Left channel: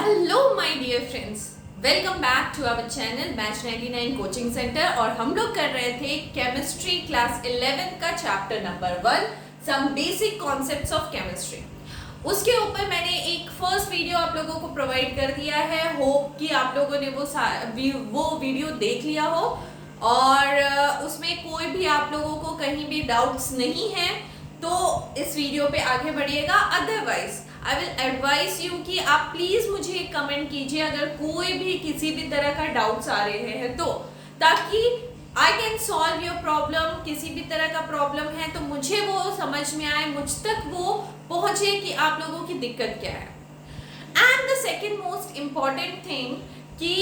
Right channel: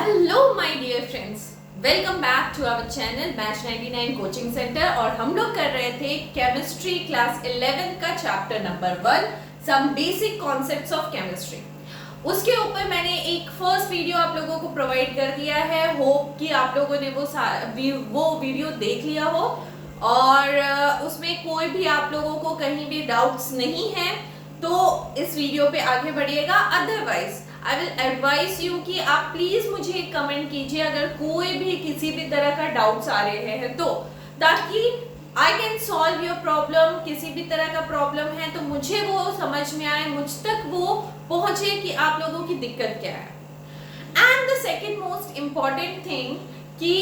Hello my dear friends, welcome back to our channel batch 99 coaching centre. और हम लोग कर रहे थे केमिस्ट्री क्लास 11 का chapter number 1 some basic concepts of chemistry. उसके ऊपर मैंने एक फर्स्ट वीडियो आप लोगों को प्रोवाइड कर दिया है। होप कि आप लोगों ने वो वीडियो देख लिया हो और उसमें कोई भी आप लोगों को कहीं भी डाउट्स नहीं है तो इस वीडियो पे आगे बढ़िएगा। Otherwise I will advise you कि आप प्लीज मुझे कमेंट कीजिए अगर कोई भी किसी भी तरह का डाउट्स आ रहे हैं तो, ताकि I can solve your problem. किसी भी तरह का प्रॉब्लम है तो मुझे वो समझ में आए, मुझ तक वो पहुंचे कि आप लोगों की दिक्कत क्या है। And the second most important thing कि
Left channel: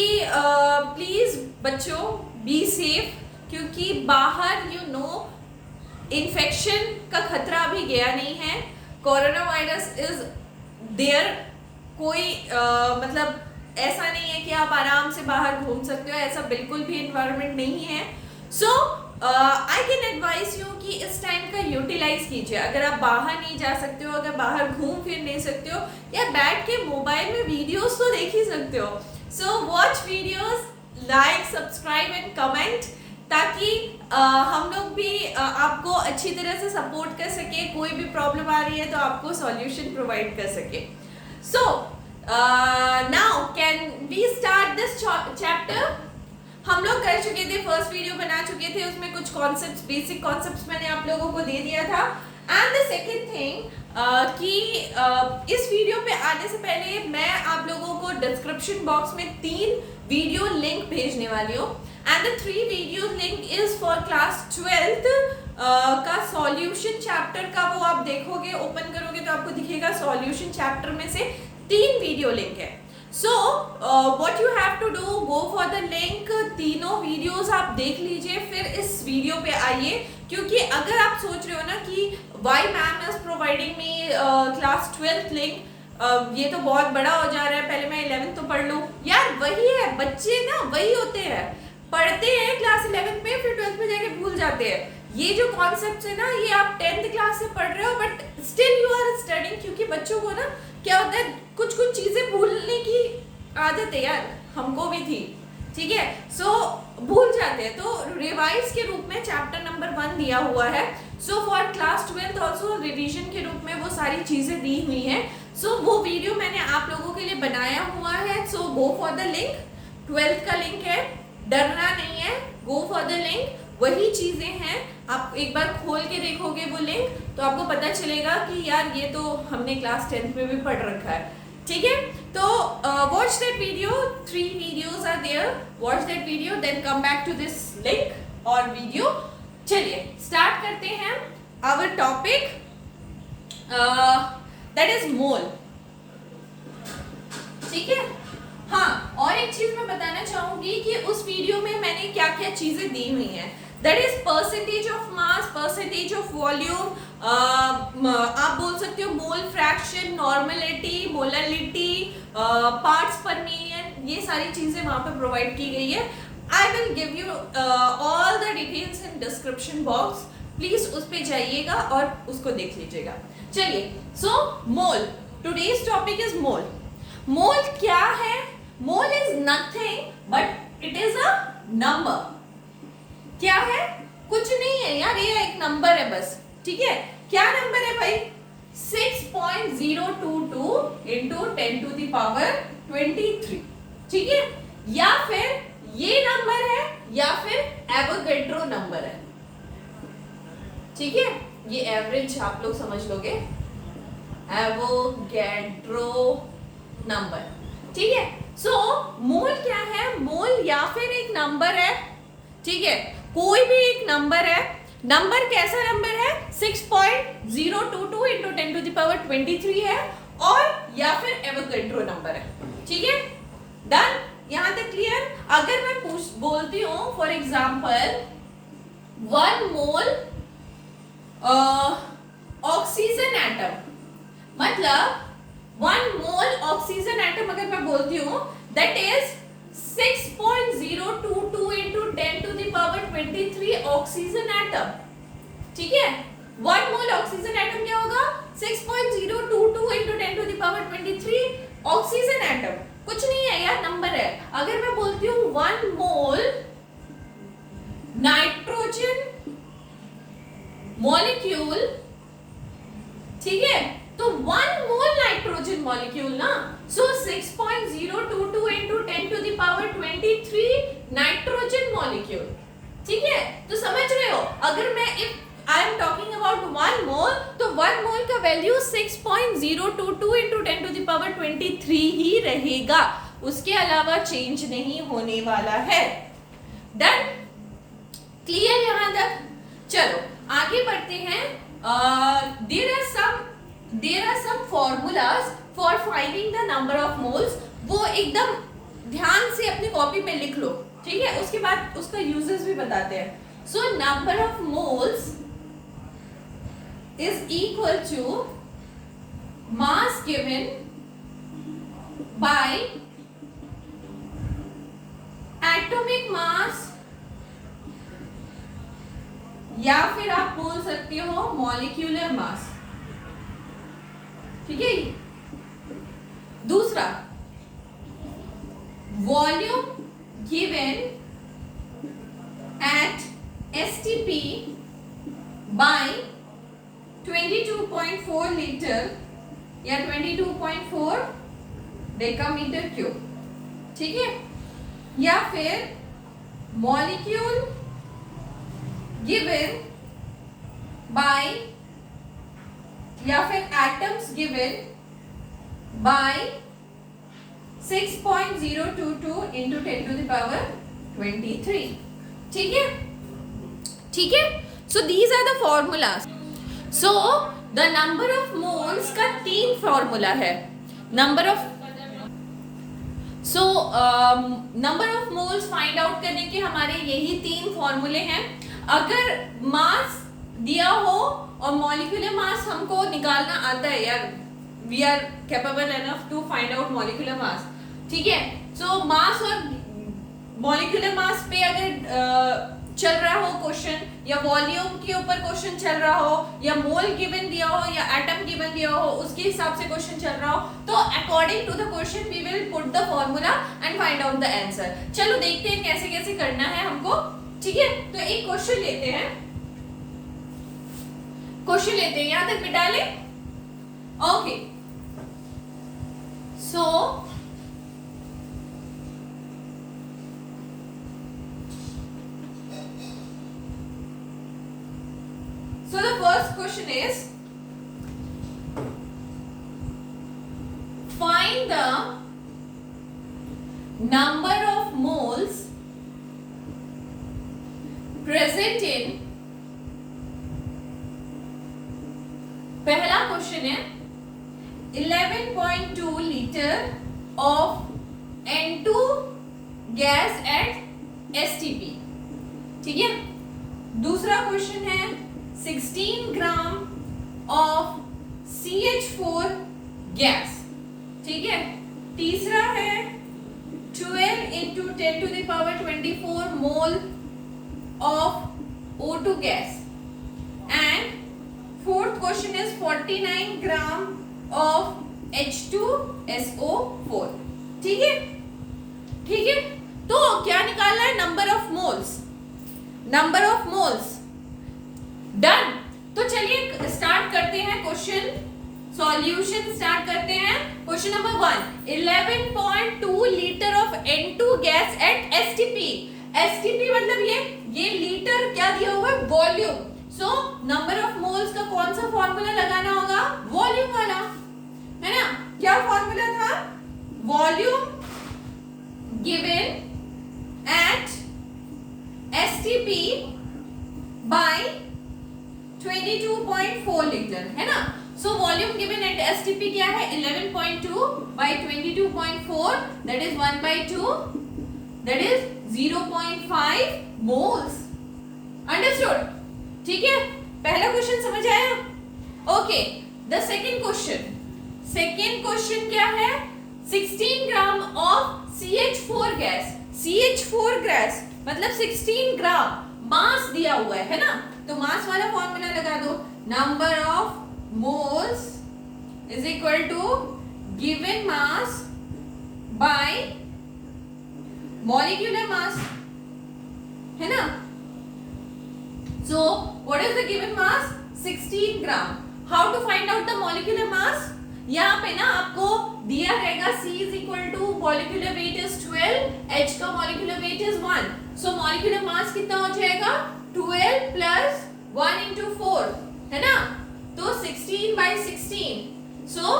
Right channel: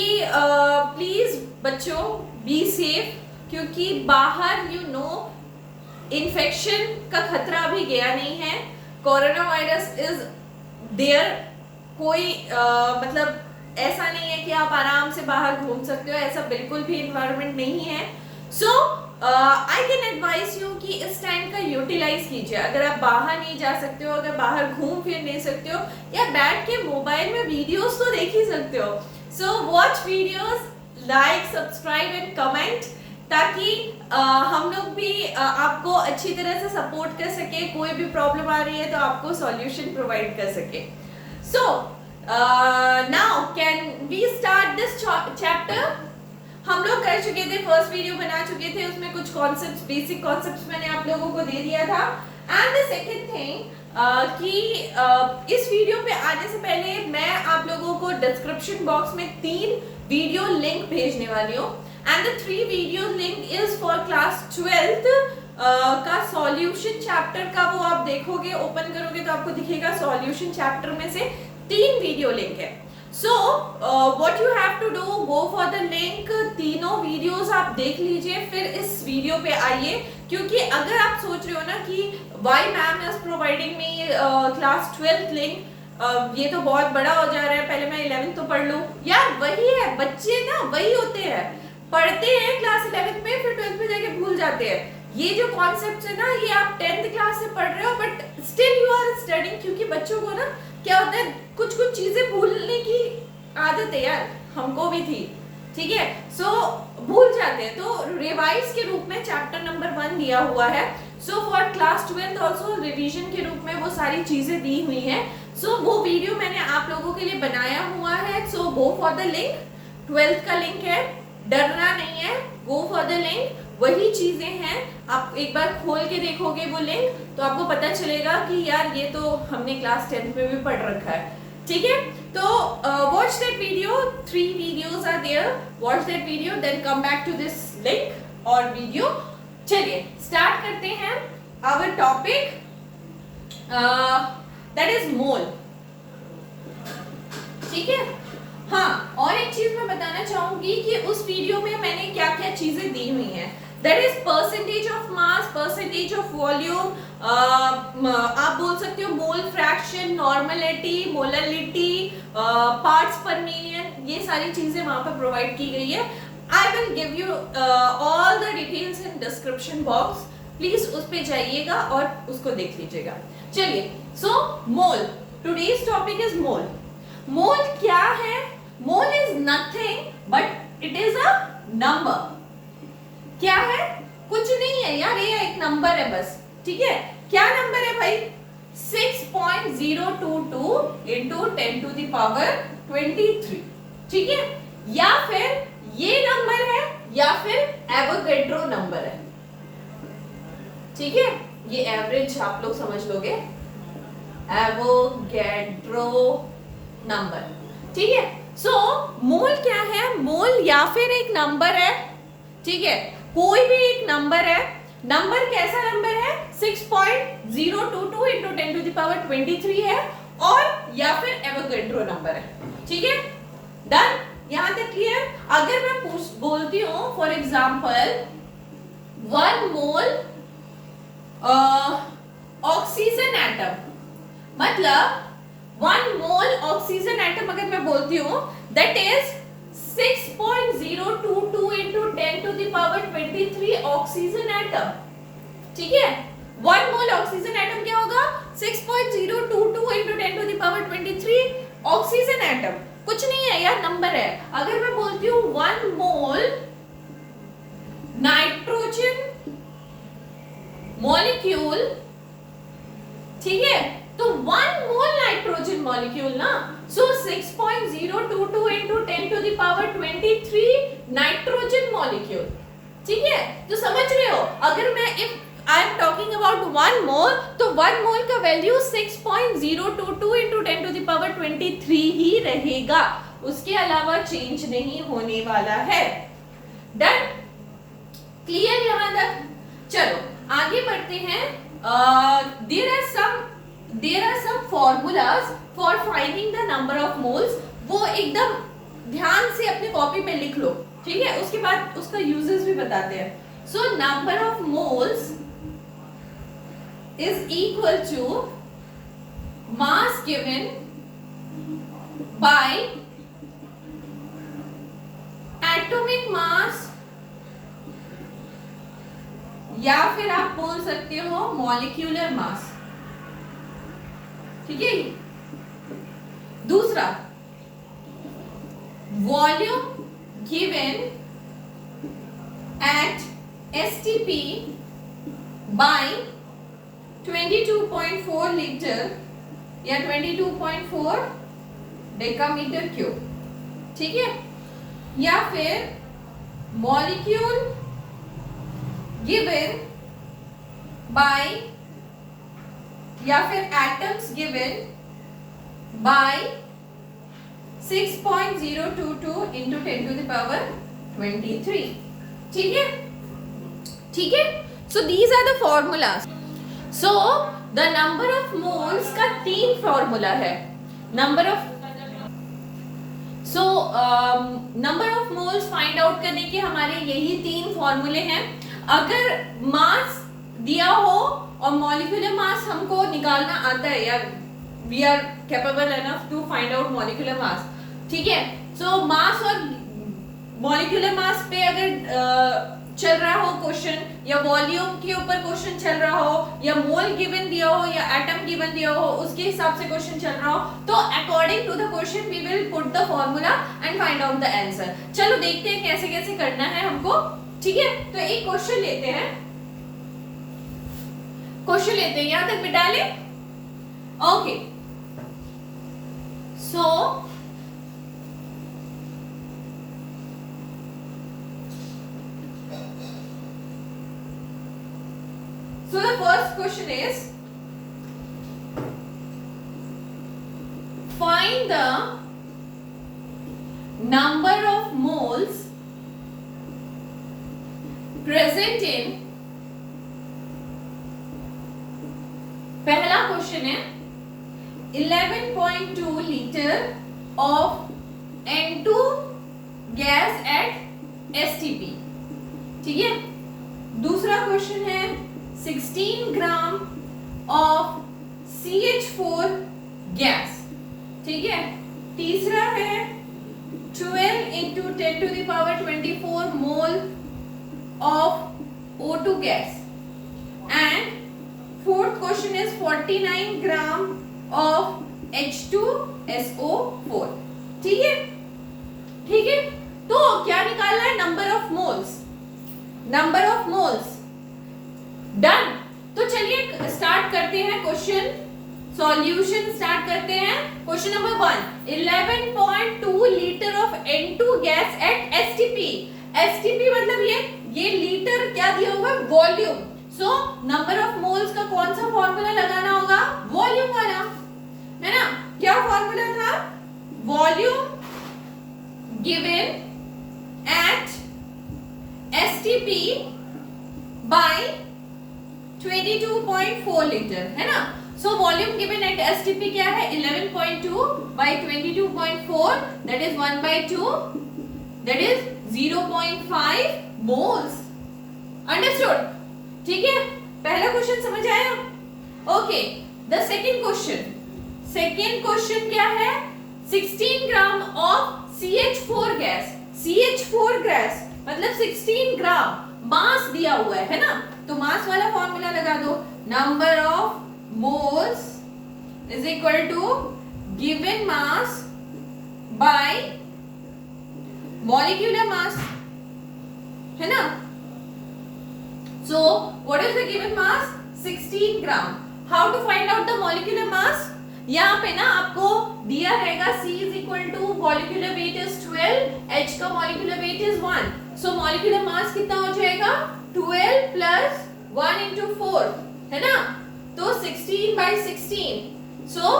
प्लीज बच्चों बी सेफ, क्योंकि बाहर यू नो इन्फेक्शन का खतरा अभी गया नहीं है। Corona virus is there. कोई मतलब ऐसा नहीं है कि आप आराम से बाहर घूम सकते हो, ऐसा बिल्कुल भी इन्वायरमेंट नहीं है। सो आई कैन एडवाइस यू कि इस टाइम का यूटिलाइज कीजिए। अगर आप बाहर नहीं जा सकते हो, अगर बाहर घूम फिर नहीं सकते हो, या बैठ के मोबाइल में वीडियोस तो देख ही सकते हो। So watch videos, like, subscribe and comment, ताकि हम लोग भी आपको अच्छी तरह से सपोर्ट कर सके। कोई भी प्रॉब्लम आ रही है तो आपको सॉल्यूशन प्रोवाइड कर सके। So now can we start this chapter. हम लोग कर चुके थे, फर्स्ट वीडियो बना चुके थे, उसमें कुछ कॉन्सेप्ट्स, बेसिक कॉन्सेप्ट्स मैंने आप लोगों को दे दिया था। एंड द सेकेंड थिंग कि इस वीडियो पे आने से पहले मैं आप लोगों को डिस्क्रिप्शन बॉक्स में 3 वीडियो लिंक भेजने वाली हूँ। And the 3 video link is for class 12th का सॉल्यूशन चैप्टर का। वो आप देखोगे, ओपन करोगे तो आपको दिखेगा सॉल्यूशन चैप्टर में से 3 वीडियो लिंक है। So what you have to do, go for the link. तीनों वीडियोस आप देख लीजिए, फिर इस वीडियो पे आइए। क्योंकि अगर आप सोच रहे हो ना कि why ma'am is providing me class 12th link, ये तो बहुत बड़ा हो जा रहा है, पहले मैं 11th तो पढ़ लूँ। यार वही है, बच्चे ना वही होते हैं, पढ़ते हैं क्लास 11th में, फिर 12th में जाके भूल जाते हैं। ये जो कॉन्सेप्ट्स है ना, ये आप 10th क्लास से पढ़ रहे हो but still you are studying. क्योंकि बच्चों को ना क्या होता है, कुछ कुछ चीजें भूलने की आदत है यार, हमको भी थी, ठीक है। सो भूल जाते हैं, तो रिवाइज के रूप में चैप्टर नंबर 1 दिया हुआ है। So for class 12th also revision के रूप में वो सारी चीजें दी हुई हैं। सो वो वीडियो मैंने आप लोगों के लिए बनाया हुआ है। So go for the link, 12th का लिंक है, डरना नहीं है, गो फॉर द लिंक। वही चीजें हैं, आप एक बार खोल के देखोगे वो लिंक तो आपको पता चलेगा कि यार ये तो हमने क्लास 10th में भी पढ़ रखा है, ठीक है। तो watch that video, 3 videos are there, watch that video then come back to this link और वीडियो। चलिए स्टार्ट करते हैं our topic, that is mole, ठीक है। हाँ, और एक चीज मैं बताना चाहूंगी कि उस वीडियो में मैंने क्या क्या चीजें दी हुई हैं। That is percentage of mass, percentage of volume, आप बोल सकते हो mole fraction, normality, molarity, parts पर मिलियन, ये सारी चीजें वहां पर प्रोवाइड की गई है। I will give you all the details in description box, please उस पे जाइएगा और उसको देख लीजिएगा। चलिए, सो मोल, टुडेज टॉपिक इज मोल। मोल क्या है? Mole is nothing but it is a number. क्या है? कुछ नहीं है यार, ये एक नंबर है बस, ठीक है। क्या नंबर है भाई? 6.022 into 10 to the power 23, ठीक है। या फिर ये नंबर है या फिर एवोगैड्रो नंबर है, ठीक है। ये एवरेज आप लोग समझ लोगे, एवोगैड्रो नंबर, ठीक है। सो मोल क्या है? मोल या फिर एक नंबर है, ठीक है, कोई भी एक नंबर है। नंबर कैसा नंबर है? 6.022 into 10 to the power 23 है, और या फिर एवोगैड्रो नंबर है, ठीक है। डन, यहां तक क्लियर। अगर मैं बोलती हूं for example 1 mole oxygen atom, मतलब 1 मोल ऑक्सीजन एटम अगर मैं बोलती हूँ that is 6.022 into 10 to the power 23 oxygen atom, ठीक है। 1 मोल ऑक्सीजन एटम क्या होगा? 6.022 into 10 to the power 23 oxygen atom. अगर मैं बोलती हूँ 1 मोल नाइट्रोजन मॉलिक्यूल, ठीक है, तो 1 मोल नाइट्रोजन मॉलिक्यूल ना, सो 6.022 into 10 to the power 23 nitrogen molecule, ठीक है। तो समझ रहे हो, अगर मैं if I am talking about 1 मोल, तो 1 मोल का value 6.022 into 10 to the power 23 ही रहेगा, उसके अलावा चेंज नहीं होने वाला है। डन, क्लियर यहां तक? चलो आगे बढ़ते हैं। There are some formulas for finding the number of moles, वो एकदम ध्यान से अपनी कॉपी पे लिख लो, ठीक है, उसके बाद उसका यूजेस भी बताते हैं। So number of moles is equal to mass given by atomic mass, या फिर आप बोल सकते हो मॉलिक्यूलर मास, ठीक है। दूसरा, volume given at STP by 22.4 litre या 22.4 डेकामीटर क्यूब, ठीक है, या फिर मॉलिक्यूल given by, या फिर atoms given by 6.022 into 10 to the power 23, ठीक है, ठीक है। So these are the formulas. So the number of moles का 3 फॉर्मूला है। Number of number of moles find out करने के हमारे यही 3 फॉर्मूले हैं। अगर मास दिया हो और मॉलिक्यूलर मास हमको निकालना आता है, यार we are capable enough to find out molecular mass, ठीक है। सो मास और मॉलिक्यूलर मास पे अगर चल रहा हो क्वेश्चन, या वॉल्यूम के ऊपर क्वेश्चन चल रहा हो, या मोल गिवन दिया हो, या एटम गिवन दिया हो, उसके हिसाब से क्वेश्चन चल रहा हो, तो according to the question we will put the formula and find out the answer. चलो देखते हैं कैसे कैसे करना है हमको, ठीक है। तो एक क्वेश्चन लेते हैं, यहां तक बिठा ले, okay. So the first question is, find the number of moles present in, पहला क्वेश्चन है 11.2 litre of N2 gas at STP, ठीक है। दूसरा क्वेश्चन है 16 ग्राम ऑफ CH4 गैस, ठीक है। तीसरा है 12 into 10 to the power 24 mole of O2 gas, and fourth question is 49 gram of H2SO4, ठीक है, ठीक है। तो क्या निकालना है? Number of moles, number of moles. Done. तो चलिए स्टार्ट करते हैं क्वेश्चन सॉल्यूशन स्टार्ट करते हैं। Question number 1, 11.2 litre of N2 gas at STP। STP मतलब ये लीटर क्या दिया हुआ है? Volume. So number of moles का कौन सा फॉर्मूला लगाना होगा? वॉल्यूम वाला, है ना। क्या फॉर्मूला था? Volume given at STP by 22.4 litre, है ना। So volume given at STP क्या है? 11.2 by 22.4, that is 1/2, that is 0.5 moles। Understood? ठीक है, पहला क्वेश्चन समझ आया? ओके, द सेकंड क्वेश्चन क्या है? 16 gram of CH4 gas. CH4 gas मतलब 16 ग्राम मास दिया हुआ है ना। तो मास वाला फॉर्मूला लगा दो, number of moles is equal to given mass by molecular mass है ना। So what is the given mass 16 gram. How to find out the molecular mass, यहाँ पे ना आपको दिया रहेगा C is equal to molecular weight is 12, H का molecular weight is 1, so molecular mass कितना हो जाएगा 12 plus 1 into 4 है ना, तो 16 by 16, so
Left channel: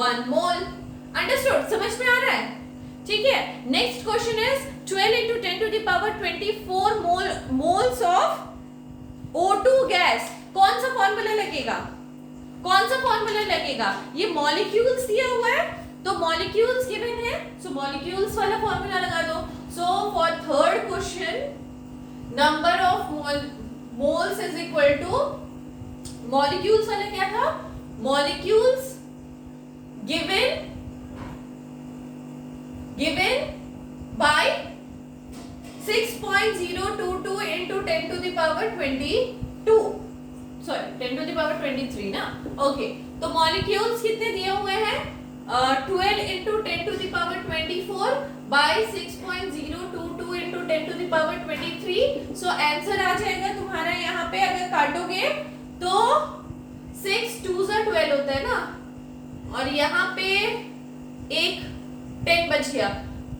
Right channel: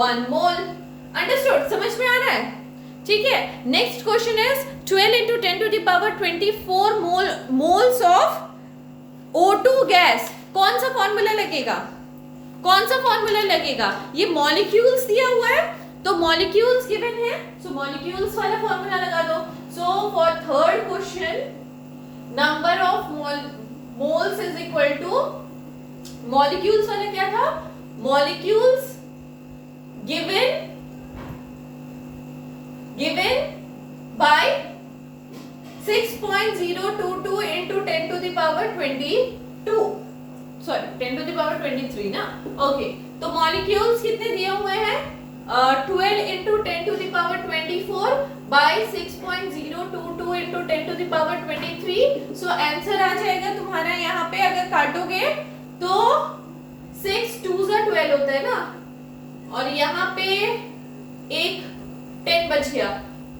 1 mole। Understood? समझ में आ रहा है? ठीक है। Next question is 12 into 10 to the power 24 moles of O2 gas. कौन सा फॉर्मूला लगेगा, कौन सा फॉर्मूला लगेगा, ये मॉलिक्यूल्स दिया हुआ है तो मॉलिक्यूल्स गिवन है, सो मॉलिक्यूल्स वाला फॉर्मूला लगा दो। So for third question number of moles is equal to, molecules वाला क्या था, molecules given by 6.022 into 10 to the power 22, sorry 10 to the power 23 ना। ओके, तो मॉलिक्यूल्स कितने दिए हुए हैं 12 into 10 to the power 24 by 6.022 into 10 to the power 23, so answer आ जाएगा तुम्हारा यहाँ पे, अगर काटोगे तो 6 2 12 होता है ना, और यहाँ पे एक 10 बच गया।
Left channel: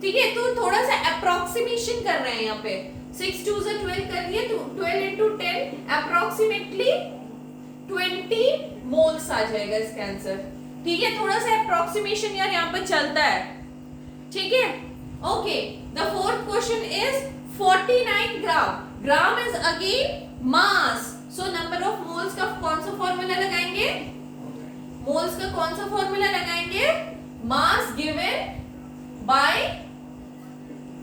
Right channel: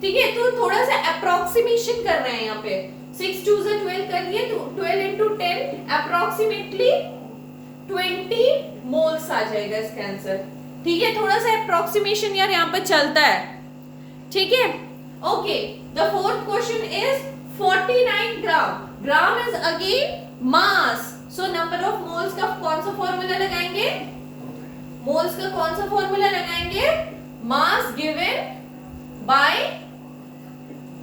ठीक है, तो थोड़ा सा अप्रोक्सीमेशन कर रहे हैं यहाँ पे, 6 2 12 कर दिए, तो 12 into 10 अप्रोक्सीमेटली 20 मोल्स आ जाएगा इसका आंसर। ठीक है, थोड़ा सा अप्रोक्सीमेशन यार यहाँ पे चलता है। ठीक है, okay. The fourth question is 49 gram. Gram is again mass, so number of moles का कौन सा फॉर्मूला लगाएंगे, मोल्स का कौन सा फॉर्मूला लगाएंगे, मास गिवन बाय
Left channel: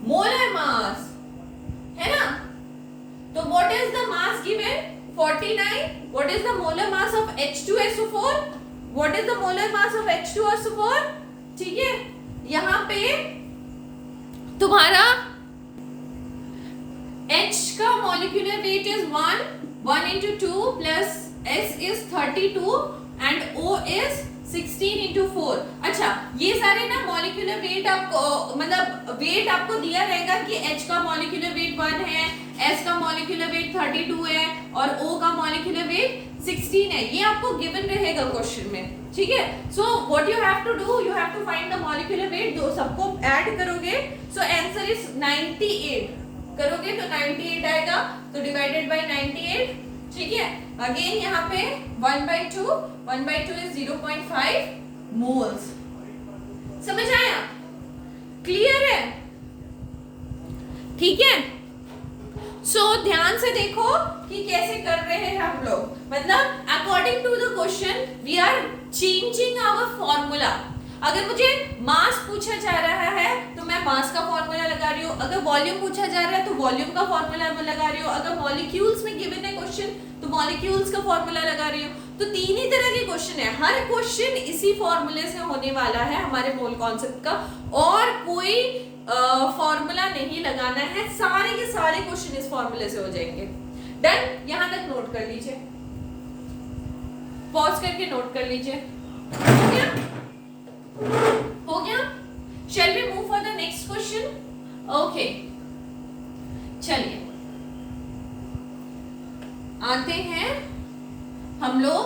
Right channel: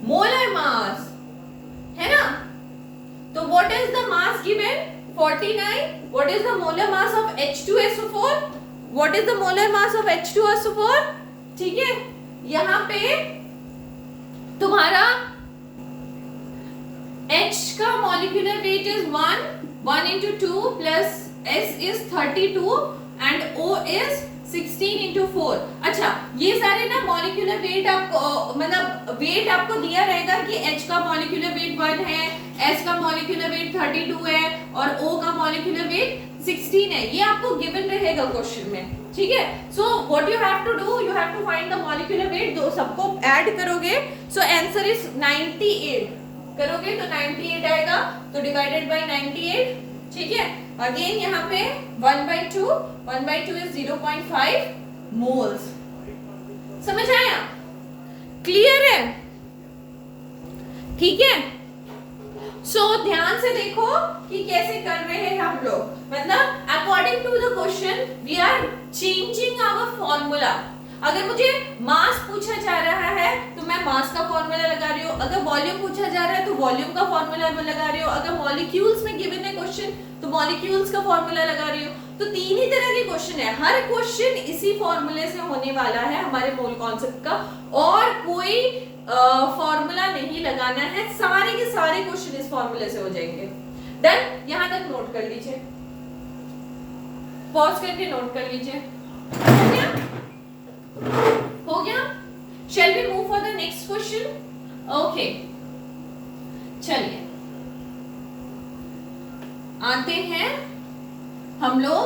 मोलर मास है ना। तो what is the mass given 49, what is the molar mass of H2SO4, what is the molar mass of H2SO4। ठीक है, यहां पे तुम्हारा H का molecular weight is 1 into 2 plus S is 32 and O is 16 into 4। अच्छा, ये सारे ना मॉलिक्यूलर वेट आपको मतलब वेट आपको दिया रहेगा कि H का मॉलिक्यूलर वेट 1 है, S का मॉलिक्यूलर वेट 32 है और O का मॉलिक्यूलर वेट 16 है, ये आपको गिवन रहेगा क्वेश्चन में। ठीक है, so what you have to do, you have to find the molecular weight, दो सबको ऐड करोगे, सो आंसर इज 98, करोगे तो 98 आएगा, तो डिवाइडेड बाय 98। ठीक है, अगेन यहाँ पे 1/2 is 0.5 मोल्स। समझ आया, क्लियर है? ठीक है, सो ध्यान से देखो कि कैसे कर रहे हैं हम लोग, मतलब according to the question we are changing our formula. अगर मुझे मास पूछा जा रहा है तो मैं मास का फॉर्मूला लगा रही हूँ, अगर वॉल्यूम पूछा जा रहा है तो वॉल्यूम का फॉर्मूला लगा रही हूँ, अगर मॉलिक्यूल्स में गिवन है क्वेश्चन तो मॉलिक्यूल्स का फॉर्मूला लगा रही हूँ। तो तीन ही तरह के क्वेश्चन है, हर क्वेश्चन इसी फॉर्मूले से होने वाला है हमारे मोल कॉन्सेप्ट का, और कोई फॉर्मूला नहीं लगाना है, सारे के सारे क्वेश्चन इस फॉर्मूले से हो जाएंगे। डन, यहां तक नोट कर लीजिए, पॉज करके नोट कर लीजिए। हो गया, हो गया। Shall we move for the next question? Okay, चलिए आते हैं हम लोग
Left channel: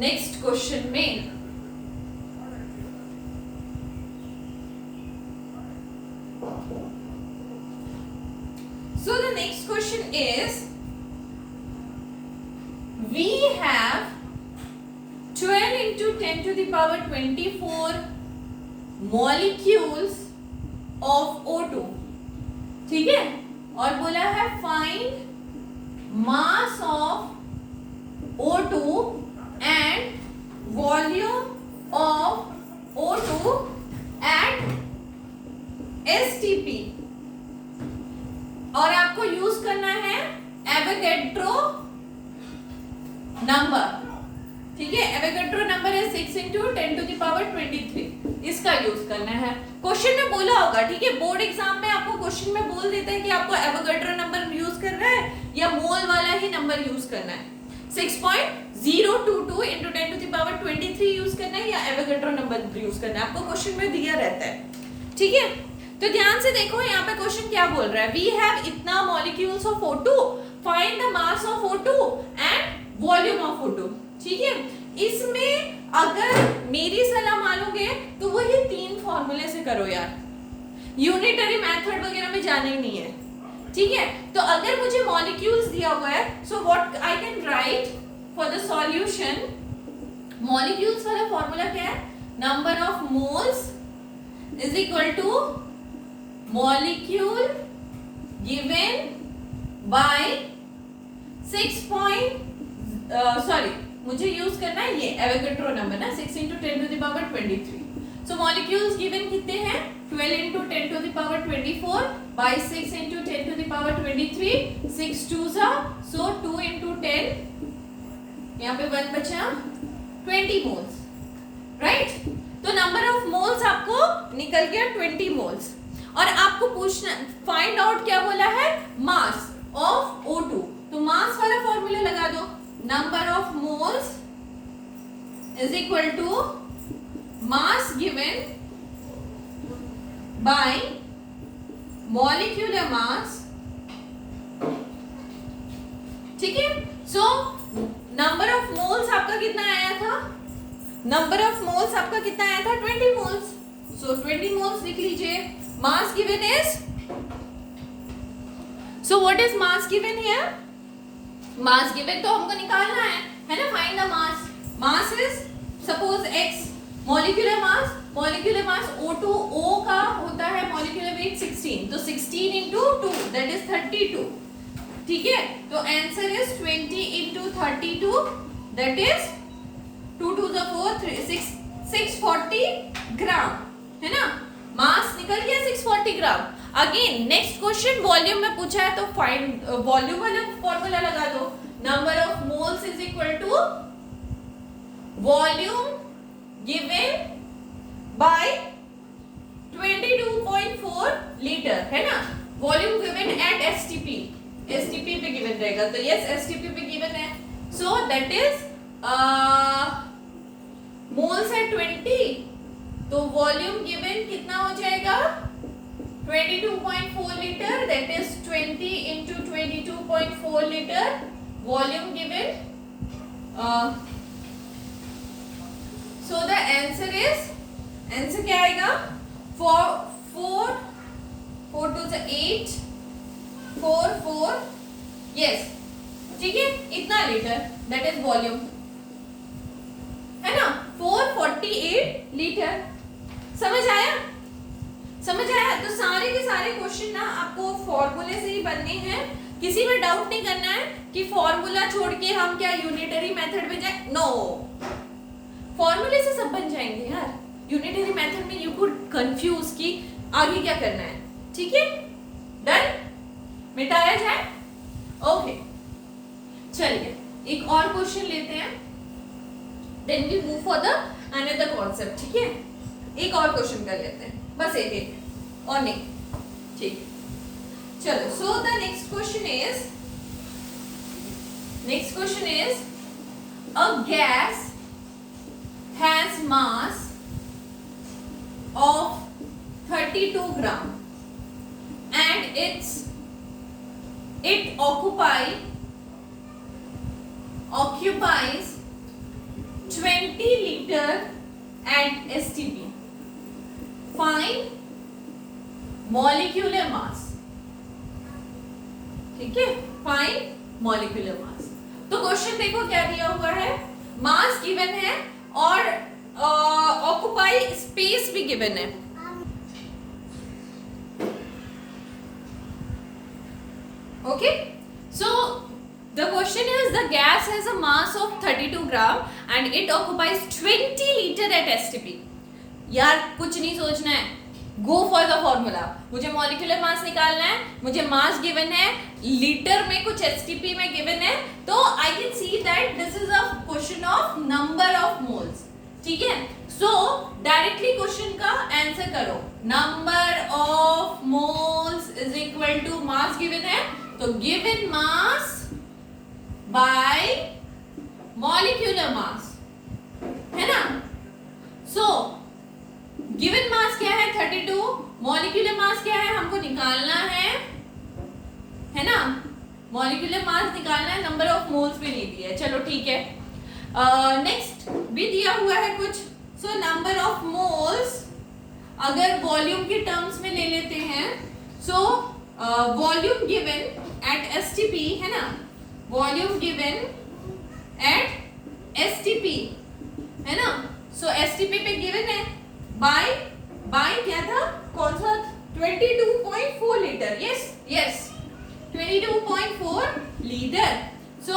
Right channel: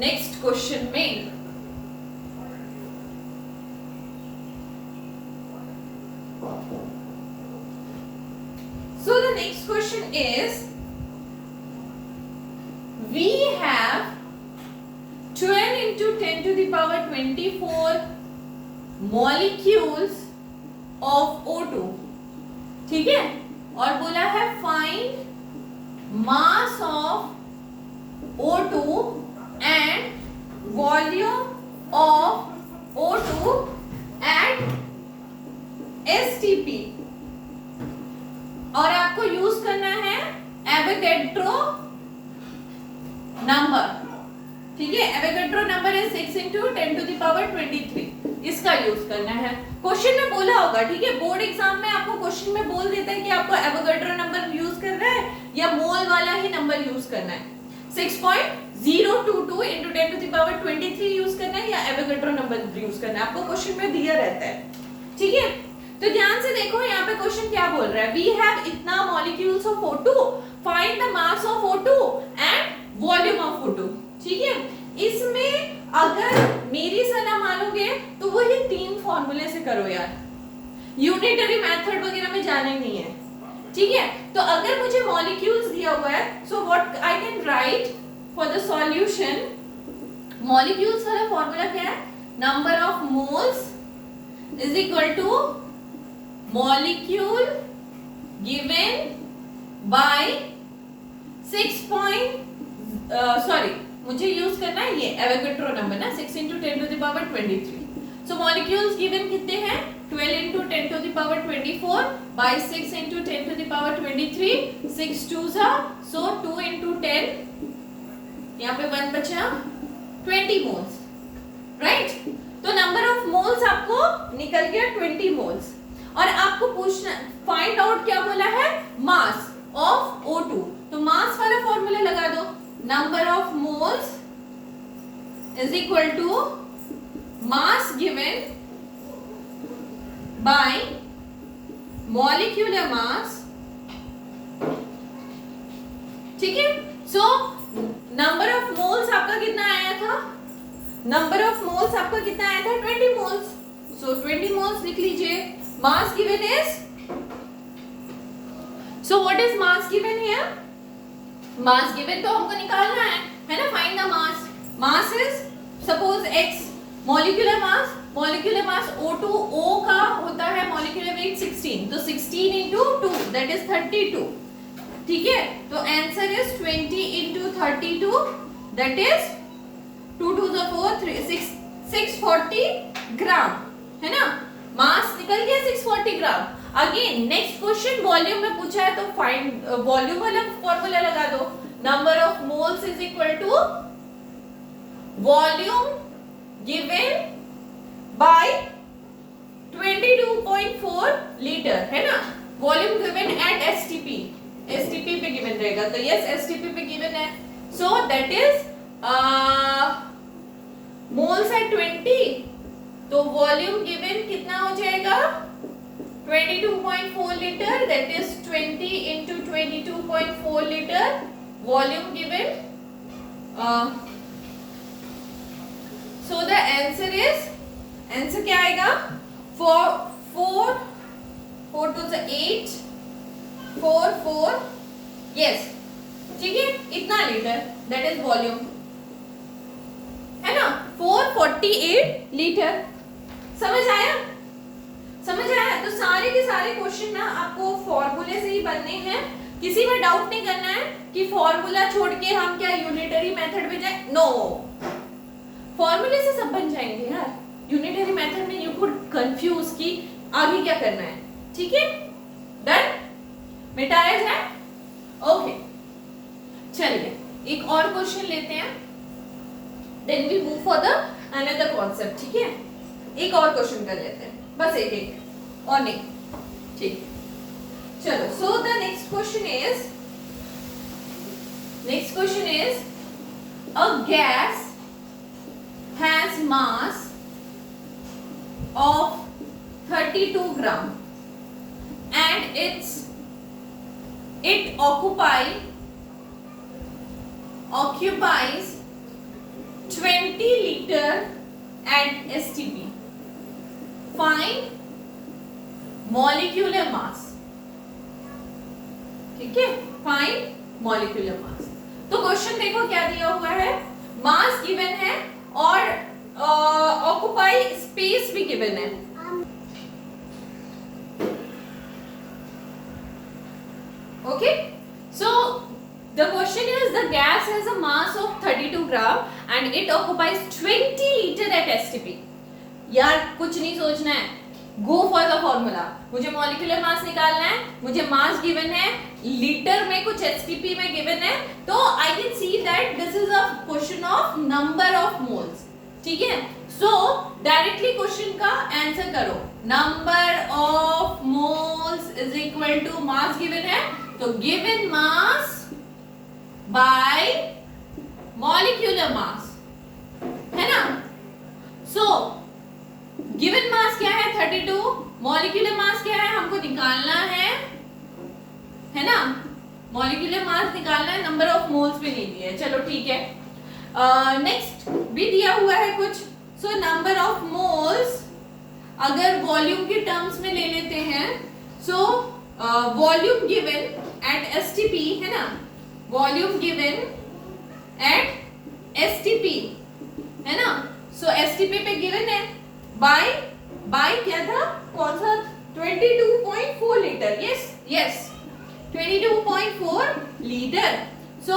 नेक्स्ट क्वेश्चन में। So the next question is, we have 12 into 10 to the power 24 molecules of O2। ठीक है, और बोला है find mass of O2 and volume of O2 at STP, और आपको यूज करना है एवोगैड्रो नंबर। ठीक है, एवोगैड्रो नंबर है 6 into 10 to the power 23, इसका यूज करना है। क्वेश्चन में बोला होगा, ठीक है, बोर्ड एग्जाम में आपको क्वेश्चन में बोल देते हैं कि आपको एवोगैड्रो नंबर यूज करना है या मोल वाला ही नंबर यूज करना है, 6.022 into 10 to the power 23 use करना है या एवोगैड्रो नंबर यूज करना है, आपको क्वेश्चन में दिया रहता है। ठीक है, तो ध्यान से देखो यहाँ पे क्वेश्चन क्या बोल रहा है, वी हैव इतना molecules of O2, find the mass of O2 and volume of O2। ठीक है, इसमें अगर मेरी सलाह मानोगे तो वो ये 3 फॉर्मूले से करो यार, यूनिटरी मेथड वगैरह में जाना ही नहीं है। ठीक है, तो अगर मुझे मॉलिक्यूल्स दिया हुआ है, so what I can write for the solution, molecules वाला फॉर्मूला क्या है, number of moles is equal two molecule given by 6 मुझे यूज करना है ये एवोगैड्रो नंबर ना, 6 × 10⁻23। सो मॉलिक्यूल्स गिवन कितने हैं, 12 × 10⁻24 by 6 × 10⁻23, 6 2s so 2 × 10, यहाँ पे 1 बचा, 20 मोल्स, राइट। तो नंबर ऑफ मोल्स आपको निकल गया 20 मोल्स, और आपको पूछना फाइंड आउट क्या बोला है, मास ऑफ O2। तो मास वाला फॉर्मूला लगा दो, number of moles is equal to mass given by molecular mass. ठीक है, सो नंबर ऑफ मोल्स आपका कितना आया था, नंबर ऑफ मोल्स आपका कितना आया था, 20 मोल्स। सो 20 मोल्स लिख लीजिए, mass given is, so what is mass given here, mass given तो हमको निकालना है ना, find the mass. Mass is suppose x, molecular mass O2O का होता है मॉलिक्यूलर वेट 16, तो 16 × 2 दैट इज 32। ठीक है, तो आंसर इज 20 × 32 दैट इज 2 2 4 3 640 ग्राम, है ना, मास निकल गया 640 ग्राम। अगेन नेक्स्ट क्वेश्चन वॉल्यूम में पूछा है, तो फाइंड वॉल्यूम वाला फॉर्मूला लगा दो, number of moles is equal to volume given by 22.4 litre, है ना, volume given at STP, STP पे गिवन रहेगा, तो यस एसटीपी पे गिवन है, सो दैट इज मोल्स है 20, तो वॉल्यूम गिवन कितना हो जाएगा, 22.4 litre, that is 20 × 22.4 litre, volume given, so the answer is, answer क्या आएगा, 4 2 से 8 4 4, यस, ठीक है, इतना लीटर दैट इज वॉल्यूम, है ना, 448 लीटर। समझ आया, समझ आया। तो सारे के सारे क्वेश्चन ना आपको फॉर्मूले से ही बनने हैं, किसी में डाउट नहीं करना है कि फॉर्मूला छोड़ के हम क्या यूनिटरी मेथड में जाए, नो, फॉर्मूले से सब बन जाएंगे यार। यूनिटरी मेथड में यू कुड कंफ्यूज कि आगे क्या करना है। ठीक है, डन, मिटाया जाए, ओके। चलिए एक और क्वेश्चन लेते हैं, then we move for the another concept. ठीक है, एक और क्वेश्चन कर लेते हैं, बस एक और नहीं, ठीक। चलो, so the next question is a gas has mass of 32 gram and it occupies 20 liter at STP. Find molecular mass. ठीक है, फाइंड मॉलिक्यूलर मास। तो क्वेश्चन देखो क्या दिया हुआ है, मास गिवन है और ऑक्युपाई स्पेस भी गिवन है। Okay, so the question is the gas has a mass of 32 gram and it occupies 20 litre at STP. यार कुछ नहीं सोचना है, गो फॉर द फॉर्मूला। मुझे मॉलिक्यूलर मास निकालना है, मुझे मास गिवन है, लीटर में कुछ एसटीपी में गिवन है, तो I can see that this is a question of number of moles. ठीक है, सो डायरेक्टली क्वेश्चन का आंसर करो, number of moles is equal to mass given है, तो given mass by molecular mass, है ना। सो गिवन मास क्या है 32, मॉलिक्यूलर मास क्या है, हमको निकालना है ना, मॉलिक्यूलर मास निकालना है, नंबर ऑफ मोल्स भी नहीं दिया है, चलो ठीक है। नेक्स्ट भी दिया हुआ है कुछ, सो नंबर ऑफ मोल्स अगर वॉल्यूम के टर्म्स में ले लेते हैं, सो वॉल्यूम गिवन एट एसटीपी है ना, वॉल्यूम गिवन एट एसटीपी है ना, सो एसटीपी पे गिवन है बाय क्या था, कौन सा, 22.4 लीटर, यस 22.4 लीटर। सो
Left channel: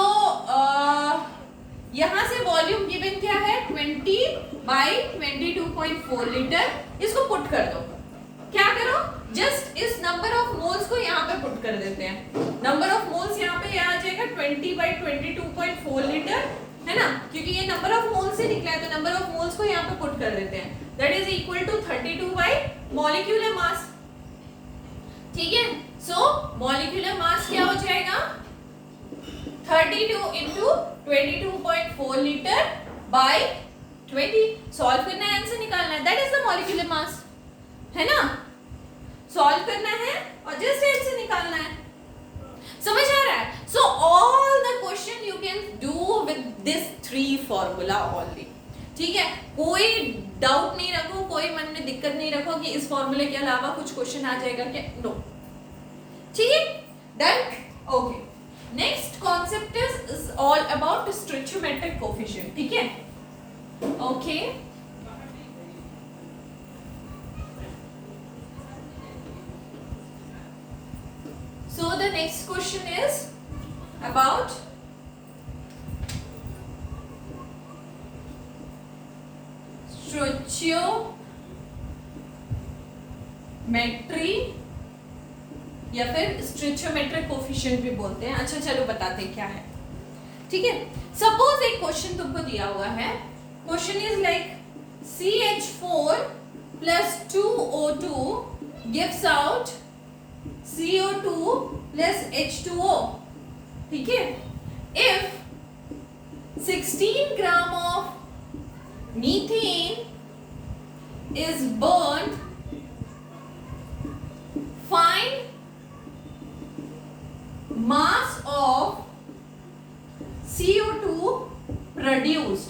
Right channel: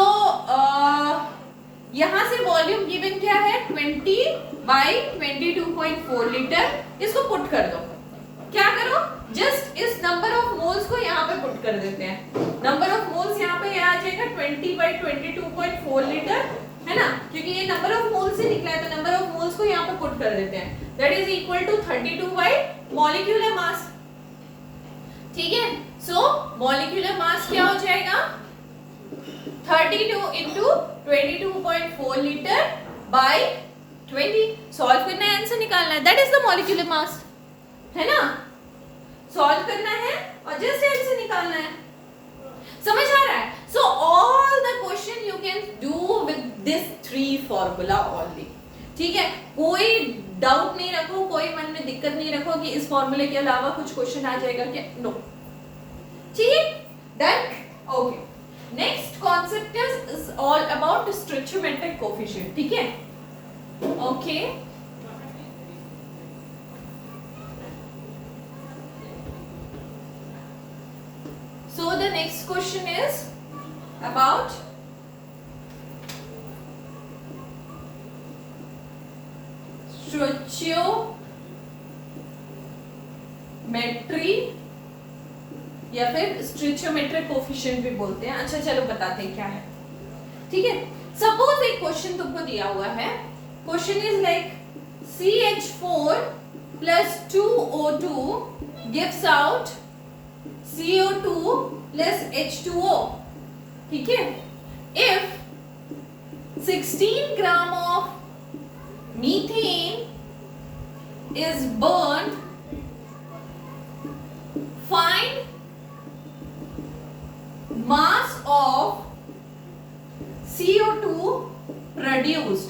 यहां से वॉल्यूम गिवन क्या है, 20/22.4 लीटर। इसको पुट कर दो, क्या करो, जस्ट इस नंबर ऑफ मोल्स को यहाँ पे पुट कर देते हैं। नंबर ऑफ मोल्स यहाँ पे आ जाएगा 20/22.4 लीटर है ना, क्योंकि ये नंबर ऑफ मोल्स से निकला है, तो नंबर ऑफ मोल्स को यहाँ पे पुट कर देते हैं, that is equal to 32 by molecular mass. ठीक है, सो मॉलिक्यूलर मास क्या हो जाएगा, 32 into 22.4 लीटर बाय 20। सॉल्व करना है, आंसर निकालना है, that is the molecular mass है ना, सॉल्व करना है और जस्ट आंसर निकालना है। समझ आ रहा है? So all the question you can do with this 3 formula only. ठीक है, कोई डाउट नहीं रखो, कोई मन में दिक्कत नहीं रखो कि इस फॉर्मूले के अलावा कुछ क्वेश्चन आ जाएगा क्या, नो। ठीक है, done, okay. Next concept is all about stoichiometric coefficient. ठीक है, okay. So the next question is about stoichiometry या फिर स्टोइचियोमेट्रिक कोएफिशिएंट भी बोलते हैं। अच्छा चलो बताते हैं क्या है। ठीक है, सपोज एक क्वेश्चन तुमको दिया हुआ है, question is like CH4 plus 2O2 gives out CO2 plus H2O। ठीक है, if 16 gram of methane is burned, find mass of CO2 produced।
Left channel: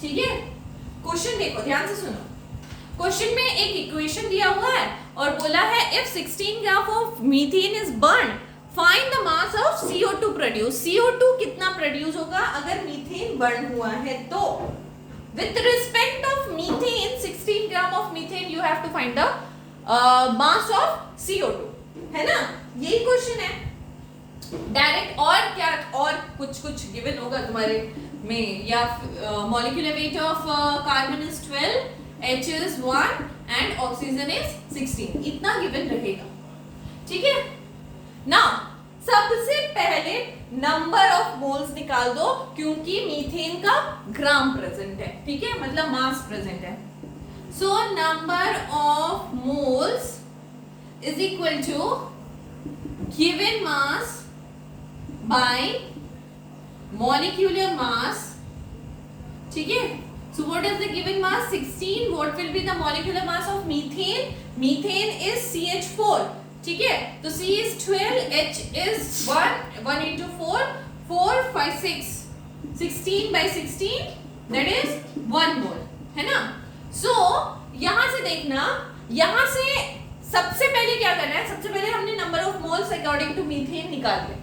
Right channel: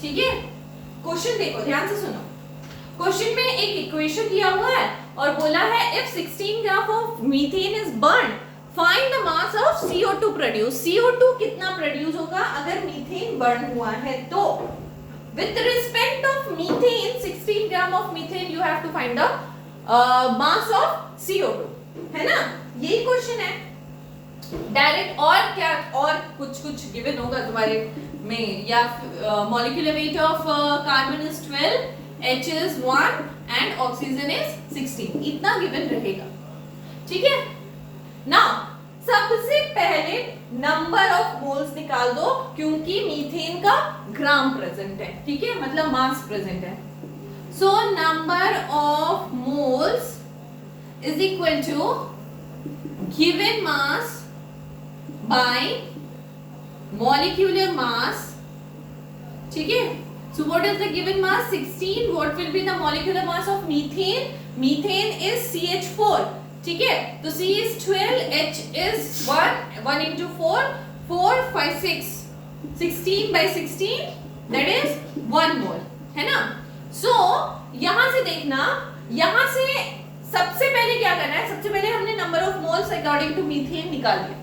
ठीक है, क्वेश्चन देखो ध्यान से सुनो। क्वेश्चन में एक इक्वेशन दिया हुआ है और बोला है if 16 gram of methane is burn, find the mass of CO2 produce. CO2 कितना प्रोड्यूस होगा अगर मीथेन बर्न हुआ है तो। With respect of methane, 16 gram of methane you have to find the mass of CO2, है ना, यही question है डायरेक्ट। और क्या, और कुछ गिवन होगा तुम्हारे में, या molecular weight of carbon is 12, H is 1 and oxygen is 16, इतना गिवन रहेगा। ठीक है, नाउ सबसे पहले नंबर ऑफ मोल्स निकाल दो, क्योंकि मीथेन का ग्राम प्रेजेंट है। ठीक है, मतलब मास प्रेजेंट है। So number of moles is equal to given mass by molecular mass. ठीक है, so what is the given mass, 16, what will be the molecular mass of methane, methane is CH4। ठीक है, तो C is 12, H is 1 into 4, 4 5 6, 16 by 16 that is 1 mole, है ना। so यहां से देखना, यहां से सबसे पहले क्या करना है, सबसे पहले हमने number of moles according to methane निकाल लिया।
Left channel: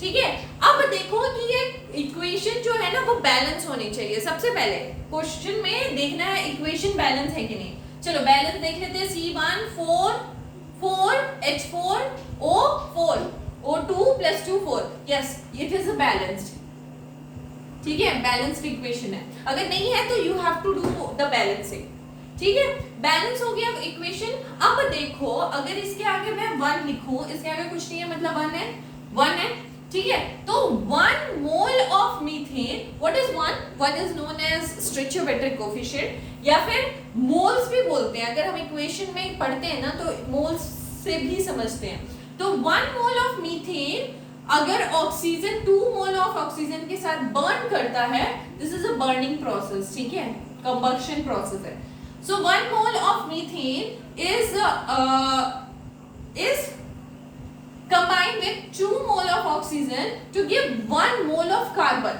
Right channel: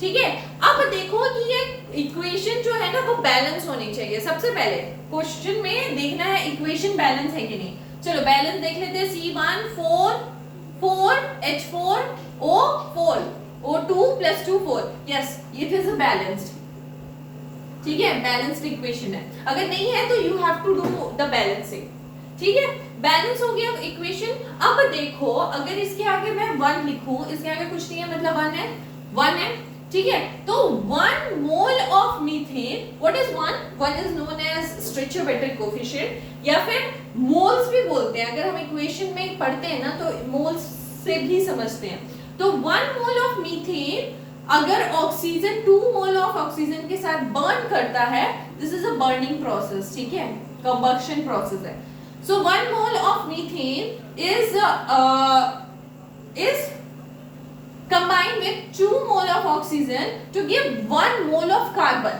ठीक है, अब देखो कि ये इक्वेशन जो है ना वो बैलेंस होनी चाहिए। सबसे पहले क्वेश्चन में देखना है इक्वेशन बैलेंस है कि नहीं। चलो बैलेंस देख लेते हैं। C1 4 4 H4 O4 O2 plus 2 4, yes it is a balanced. ठीक है, बैलेंस्ड इक्वेशन है। अगर नहीं है तो you have to do the balancing. ठीक है, बैलेंस हो गया इक्वेशन। अब देखो अगर इसके आगे मैं 1 लिखूं, इसके आगे कुछ नहीं है मतलब 1 है, 1 है। ठीक है, तो 1 mole of methane, what is 1 is known as stoichiometric coefficient या फिर मोल्स भी बोलते हैं। अगर हम इक्वेशन में पढ़ते हैं ना तो मोल्स से भी समझते हैं। तो 1 मोल ऑफ मीथेन अगर ऑक्सीजन 2 मोल ऑफ ऑक्सीजन के साथ बर्न करता है, this is a burning process. ठीक है, कंबशन प्रोसेस है। So 1 mole of methane is combined with 2 mole of oxygen to give 1 mole of carbon,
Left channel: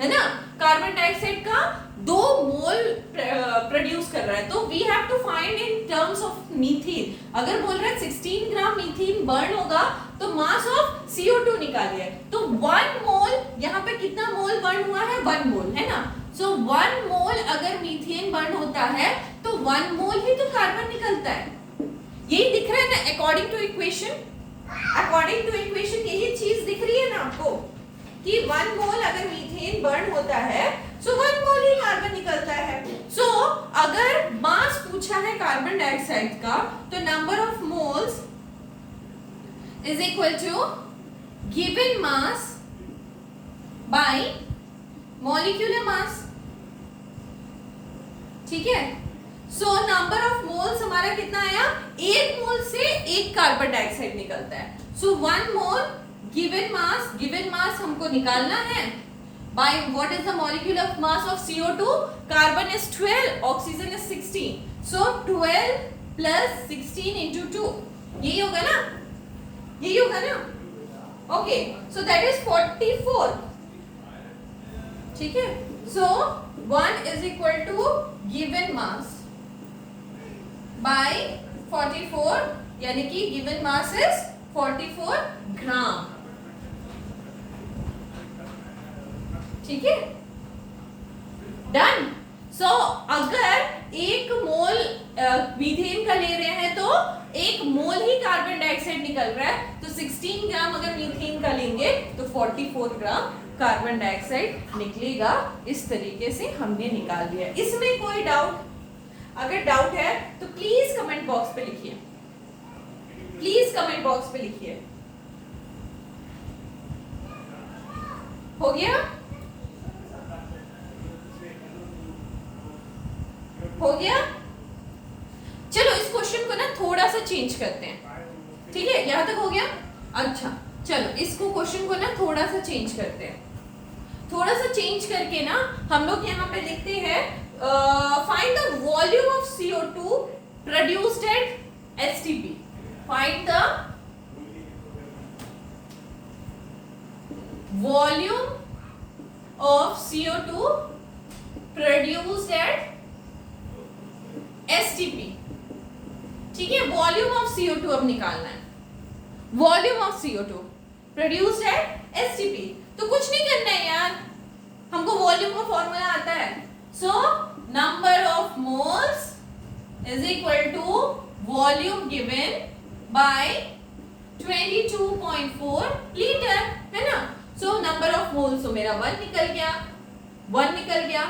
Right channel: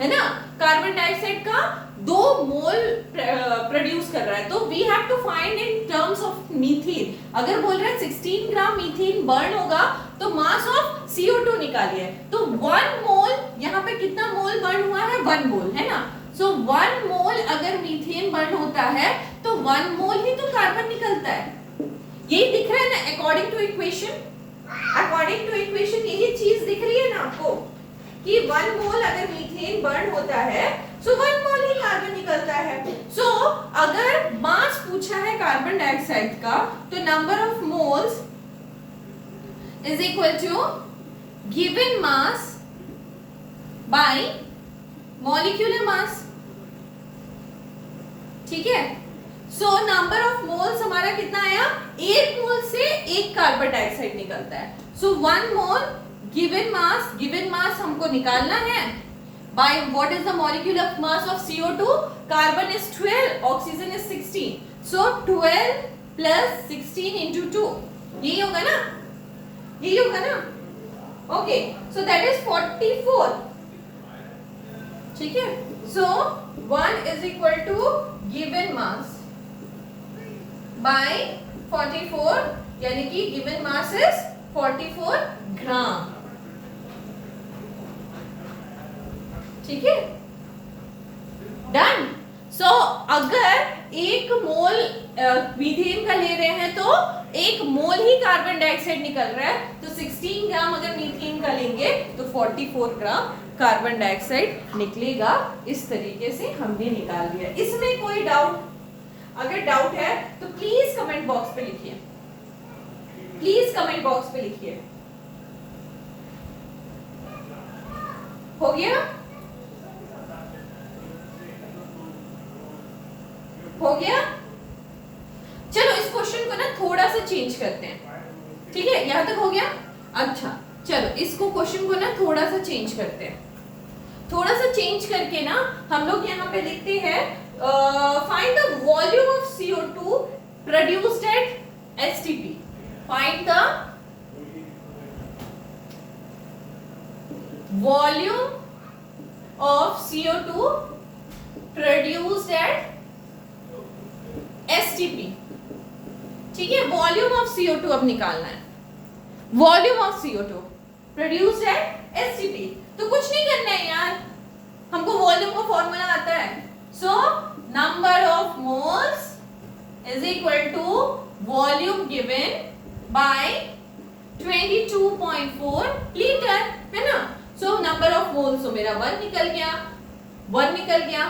है ना? कार्बन डाइऑक्साइड का 2 मोल प्रोड्यूस कर रहा है. तो we have to find in terms of methane. अगर बोल रहा है 16 ग्राम मीथेन बर्न होगा तो मास ऑफ CO2 निकालिए. तो 1 मोल, यहाँ पे कितना मोल बर्न हुआ है? 1 मोल, है ना? सो 1 मोल अगर मीथेन बर्न होता है तो 1 मोल ही तो कार्बन निकलता है. यही दिख रहा है ना according to equation. According to equation यही चीज दिख रही है ना आपको कि 1 मोल अगर मीथेन बर्न होता है सो 1 मोल ही कार्बन निकलता है. सो अगर मास पूछा है कार्बन डाइऑक्साइड का तो number of moles is equal to given mass by molecular mass. ठीक है. सो नंबर ऑफ मोल्स हमारा कितना आया? 1 मोल से 1 कार्बन डाइऑक्साइड निकलता है. सो 1 मोल गिवन मास हमको निकालना है by what is the molecular mass of CO2. Carbon is 12, oxygen is 16. So 12 plus 16 into 2, यही होगा ना? यही होगा ना? Okay, so that is 44. ठीक है. सो 1 is equal to given mass by 44, यानी कि given mass is 44 ग्राम. ठीक है. डन. सो अगर 1 मोल मीथेन का ले रहे हैं तो 1 मोल ही कार्बन डाइऑक्साइड निकल रहा है. तो 16 ग्राम अगर मीथेन का लेंगे तो 44 ग्राम कार्बन डाइऑक्साइड निकलेगा. इस तरीके से हमने निकाल लिया. इसमें कोई डाउट? अगर डाउट है तो प्लीज कमेंट बॉक्स पे लिखिए. प्लीज कमेंट बॉक्स पे लिखिए. हो गया? हो गया? चलो इस क्वेश्चन को ना थोड़ा सा चेंज करते हैं. ठीक है, यहां तक हो गया? अच्छा, चलो इसको क्वेश्चन को ना थोड़ा सा चेंज करते हैं. थोड़ा सा चेंज करके ना हम लोग यहाँ पे लिखते हैं find the volume of CO2 produced at STP. Find the volume of CO2 produced at STP. ठीक है, वॉल्यूम ऑफ CO2 अब निकालना है. Volume of CO2 produced at STP. तो कुछ नहीं करना है यार, हमको वॉल्यूम का फॉर्मूला आता है. So number of moles is equal to volume given by 22.4 litre, है ना? सो नंबर ऑफ मोल्स, तो मेरा 1 निकल गया. 1 निकल गया.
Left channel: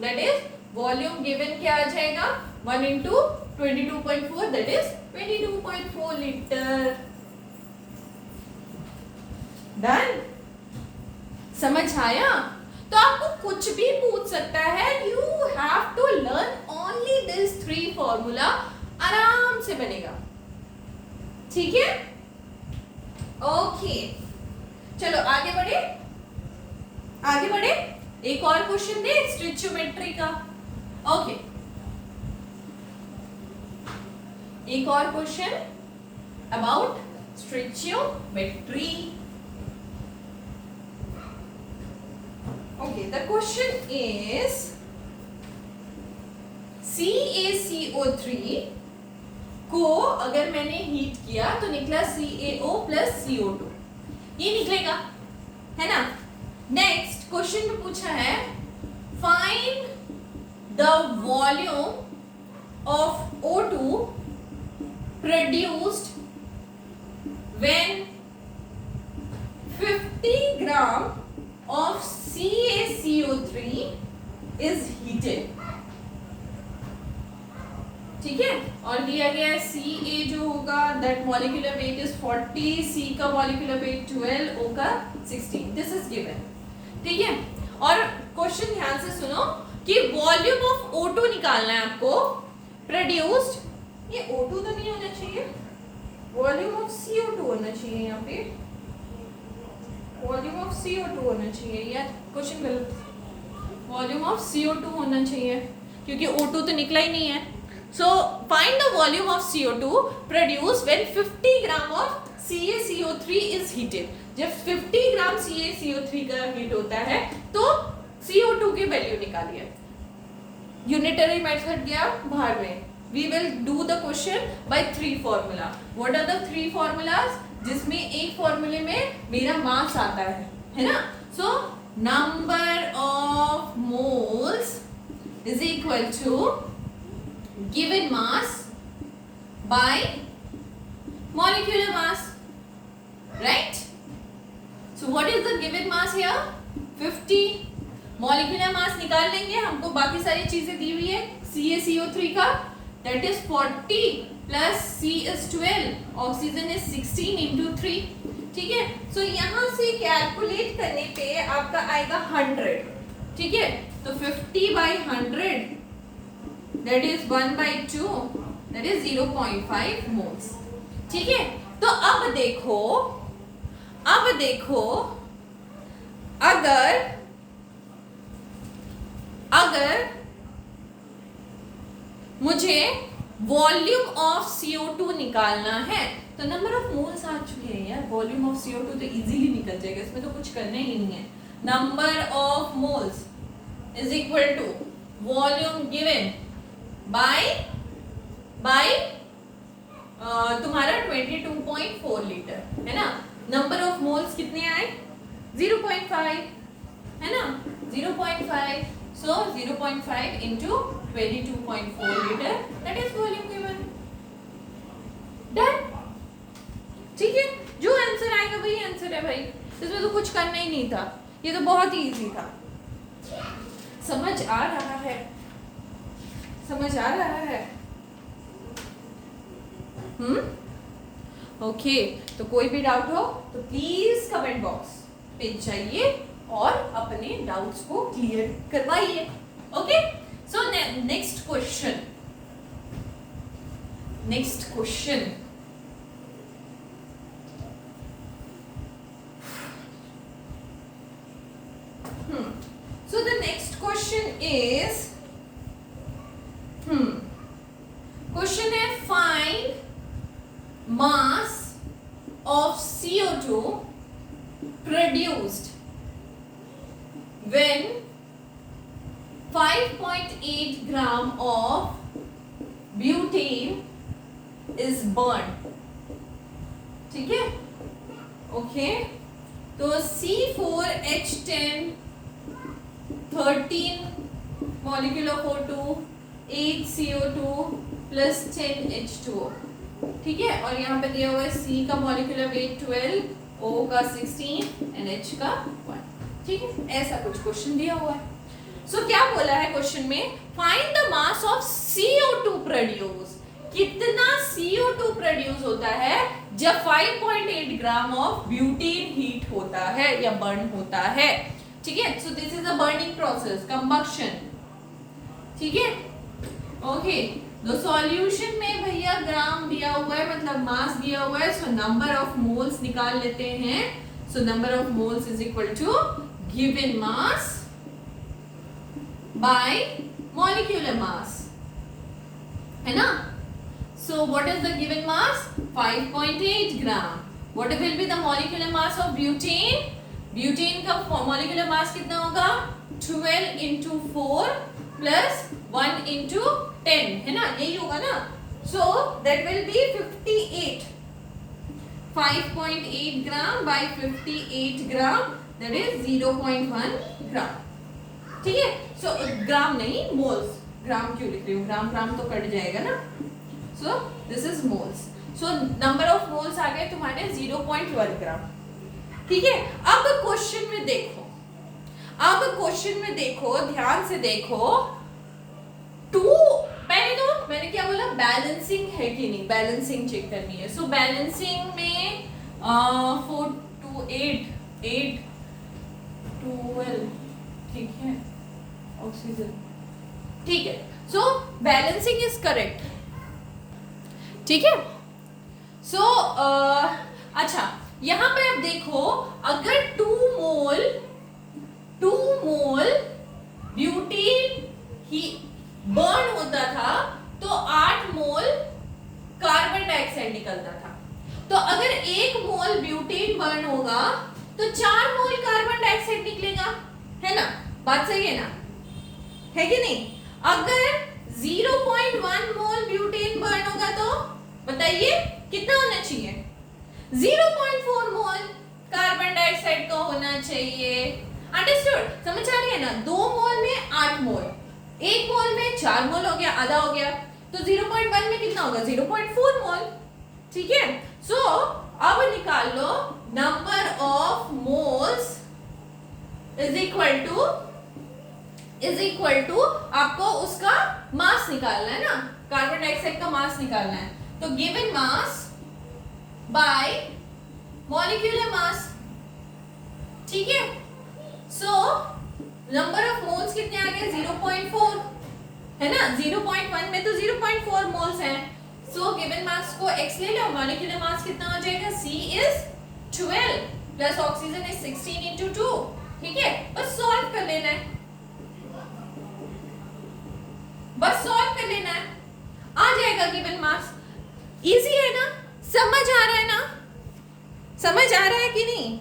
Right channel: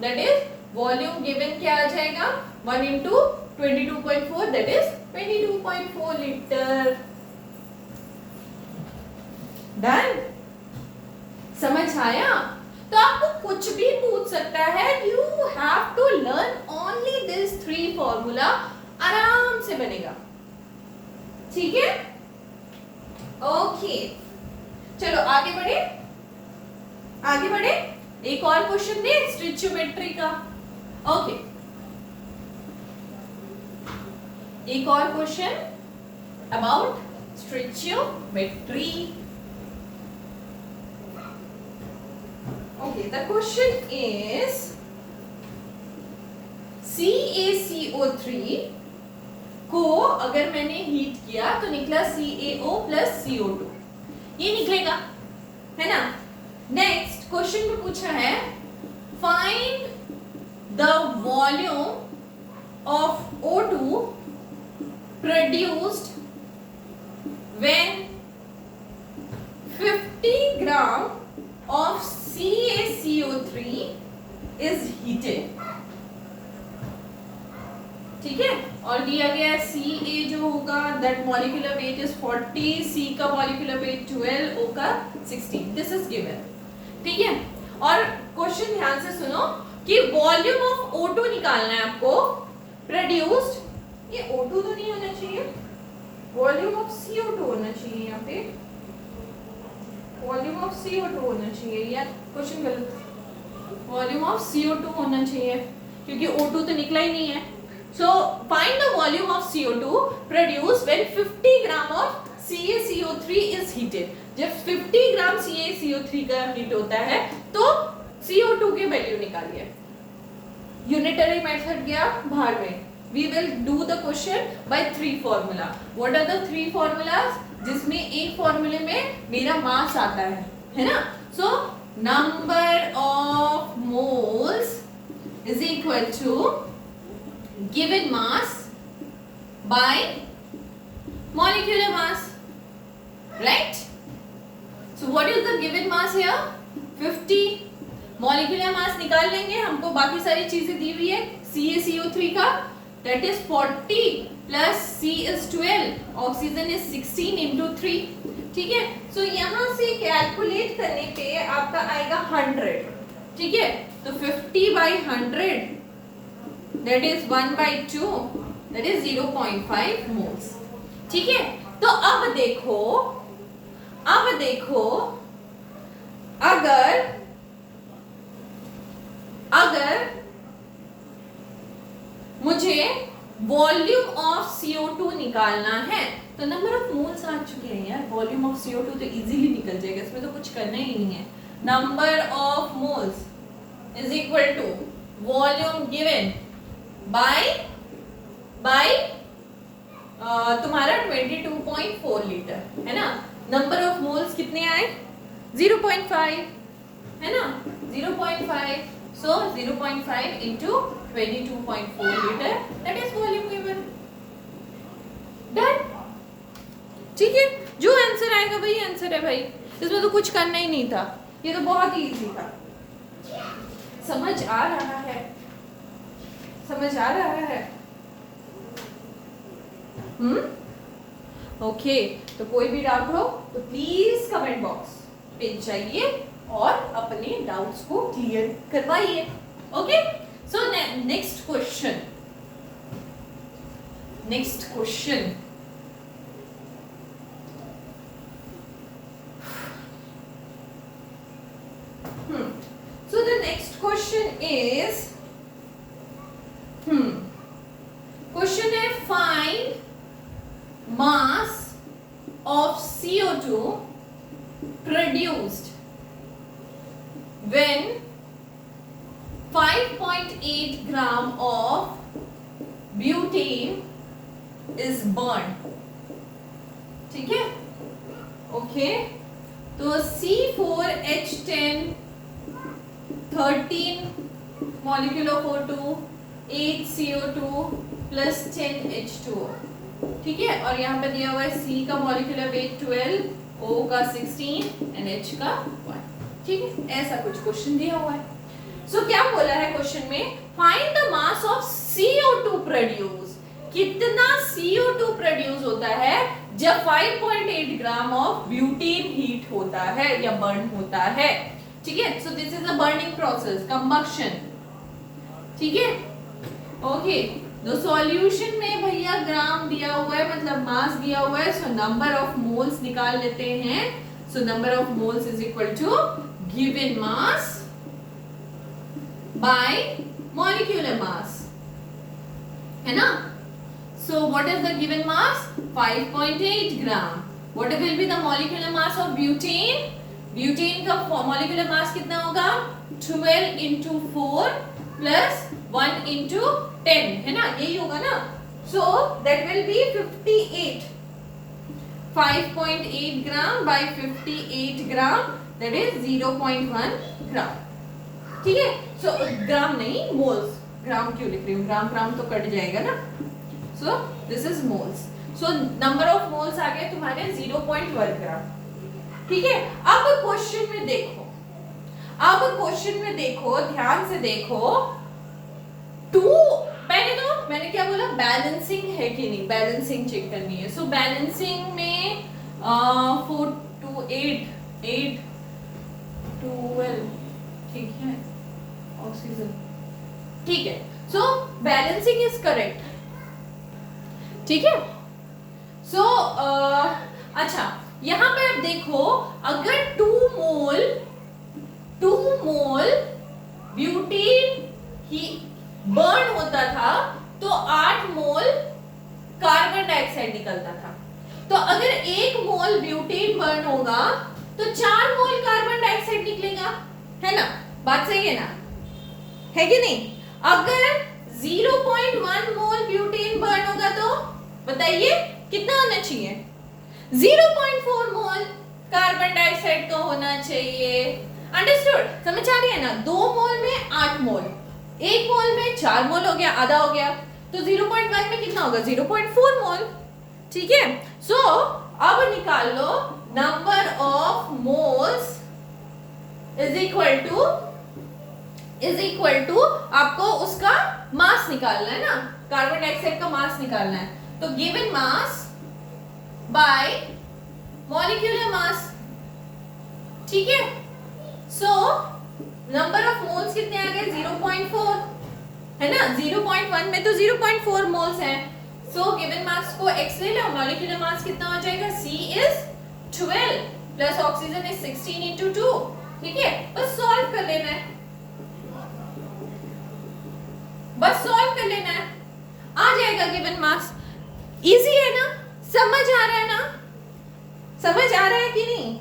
दैट इज वॉल्यूम गिवन क्या आ जाएगा? 1 into 22.4, that is 22.4 litre. Done. समझ आया? तो आपको कुछ भी पूछ सकता है. You have to learn only this 3 formula. आराम से बनेगा. ठीक है. ओके, चलो आगे बढ़े. आगे बढ़े. एक और क्वेश्चन दे स्टिचियोमेट्री का. ओके, एक और question about stoichiometry. Okay, the question is CaCO3 को अगर मैंने हीट किया तो निकला CaO plus CO2. ये निकलेगा, है ना? नेक्स्ट क्वेश्चन में पूछा है find the volume of O2 produced when 50 gram of CaCO3 is heated. ठीक है. और दिया गया Ca जो होगा that molecular weight is 40, C का molecular weight 12, O का 16. This is given. ठीक है. और क्वेश्चन ध्यान से सुनो कि वॉल्यूम ऑफ O2 निकालना है आपको. प्रोड्यूस्ड, ये O2 तो नहीं होना चाहिए, वॉल्यूम ऑफ CO2 होना चाहिए. यहाँ पे वॉल्यूम ऑफ CO2 होना चाहिए. यार क्वेश्चन गलत. वॉल्यूम ऑफ CO2 होना चाहिए क्योंकि O2 तो निकला ही नहीं है. So find the volume of CO2 produced when 50 gram of CaCO3 is heated. जब 50 ग्राम CaCO3 का हीट होता है तो CO2 की वैल्यू निकालिए. यूनिटरी मेथड गया भाग में. We will do the question by 3 formula. What are the 3 formulas? जिसमें एक फॉर्मूले में मेरा मास आता है ना? So number of moles is equal to given mass by molecular mass, right? So what is the given mass here? 50. molecular mass निकाल लेंगे. हमको बाकी सारी चीजें दी हुई है. CaCO3 का that is 40 plus C is 12, oxygen is 16 into 3. ठीक है. So यहाँ से कैलकुलेट करने पे आपका आएगा 100. ठीक है. तो 50 by 100 that is 1 by 2 that is 0.5 moles. ठीक है. तो अब देखो अगर मुझे वॉल्यूम ऑफ CO2 निकालना है तो नंबर ऑफ मोल्स आ चुके हैं यार. वॉल्यूम ऑफ CO2 तो इजीली निकल जाएगा, इसमें तो कुछ करना ही नहीं है. Number of moles is equal to volume given by तुम्हारा 22.4 लीटर है ना. नंबर ऑफ मोल्स कितने आए? 0.5 है ना. 0.5. So 0.5 into 22.4 liter that is volume given. Done. ठीक है. जो आंसर आएगा वही आंसर है भाई. इसमें तो कुछ करना ही नहीं था. ये तो बहुत ही इजी था. समझ आ रहा है? ओके. तो कोई भी डाउट हो तो प्लीज कमेंट बॉक्स पे जाइए और अपने डाउट्स को क्लियर करवाइए. Okay. So next question. So the next question is question है find mass of CO2 produced when 5.8 gram of butane is burned. ठीक है. ओके. तो C4H10 13 molecule of O2 8 CO2 plus 10 H2O. ठीक है. और यहाँ पे दिया हुआ है C का molecular weight 12, O का 16 and H का 1. ठीक है. ऐसा कुछ क्वेश्चन दिया हुआ है. सो क्या बोला है क्वेश्चन में? Find the mass of CO2 produce. कितना CO2 प्रोड्यूस होता है जब 5.8 ग्राम ऑफ ब्यूटेन हीट होता है या बर्न होता है. ठीक है. सो this is a burning process, combustion. ठीक है. ओके. तो सॉल्यूशन में भैया ग्राम दिया हुआ है, मतलब मास दिया हुआ है. सो नंबर ऑफ मोल्स निकाल लेते हैं. So number of moles is equal to given mass by molecular mass, है ना. So what is the given mass? 5.8 gram. What will be the molecular mass of butane? Butane का molecular mass कितना होगा? 12 into 4 plus 1 into 10, है ना. यही होगा ना. So that will be 58. 5.8 gram by 58 gram that is 0.1 gram. ठीक है. सो ग्राम नहीं, मोल्स. ग्राम क्यों लिख रही हूँ? ग्राम तो कट जाएगा ना. So this is moles. So number of moles आ गए तुम्हारे 0.1 ग्राम. ठीक है. अब क्वेश्चन में देखो, ध्यान से देखो. मैंने क्या बोला? बैलेंसिंग है कि नहीं, बैलेंसिंग चेक करनी है. सो बैलेंसिंग में 4 to 8 12. ठीक है. ऑक्सीजन. ठीक है. सो बैलेंसिंग इज करेक्ट. ठीक है. सो अच्छा, यहां पे आप देखो, अगर 2 मोल ब्यूटेन ही बर्न होता था तो 8 निकलता था। तो अगर 1 मोल ब्यूटेन बर्न होगा तो 4 मोल कार्बन डाइऑक्साइड निकलेगा, है ना? बात सही है ना? है कि नहीं? अगर 0.1 मोल ब्यूटेन बर्न होगा तो बताइए कितना होना चाहिए? 0.4 मोल कार्बन डाइऑक्साइड का होना चाहिए। अंडरस्टूड? समझ आ रही है ना? 2 मोल में 8 मोल, 1 मोल में 4 मोल हो गया, आधा हो गया। तो 0.1 में कितना होगा? 0.4 मोल। ठीक है? सो अब निकाल लो number of moles is equal to आपको उसका मास निकालना है ना, कार्बन डाइऑक्साइड का मास निकालना है। तो given mass by molecular mass. ठीक है? सो नंबर ऑफ मोल्स कितने आ गए? 0.4, है ना? 0.1 में तो 0.4 मोल्स हैं। सो गिवन मास को x ले लो, मॉलिक्यूलर मास कितना हो जाएगा? C is 12 plus oxygen is 16 into 2। ठीक है? बस सॉल्व कर लेना है, बस सॉल्व कर लेना है, आ जाएगा गिवन मास। इजी है ना? समझ आ रहा है ना? समझ आ रहा है कि नहीं?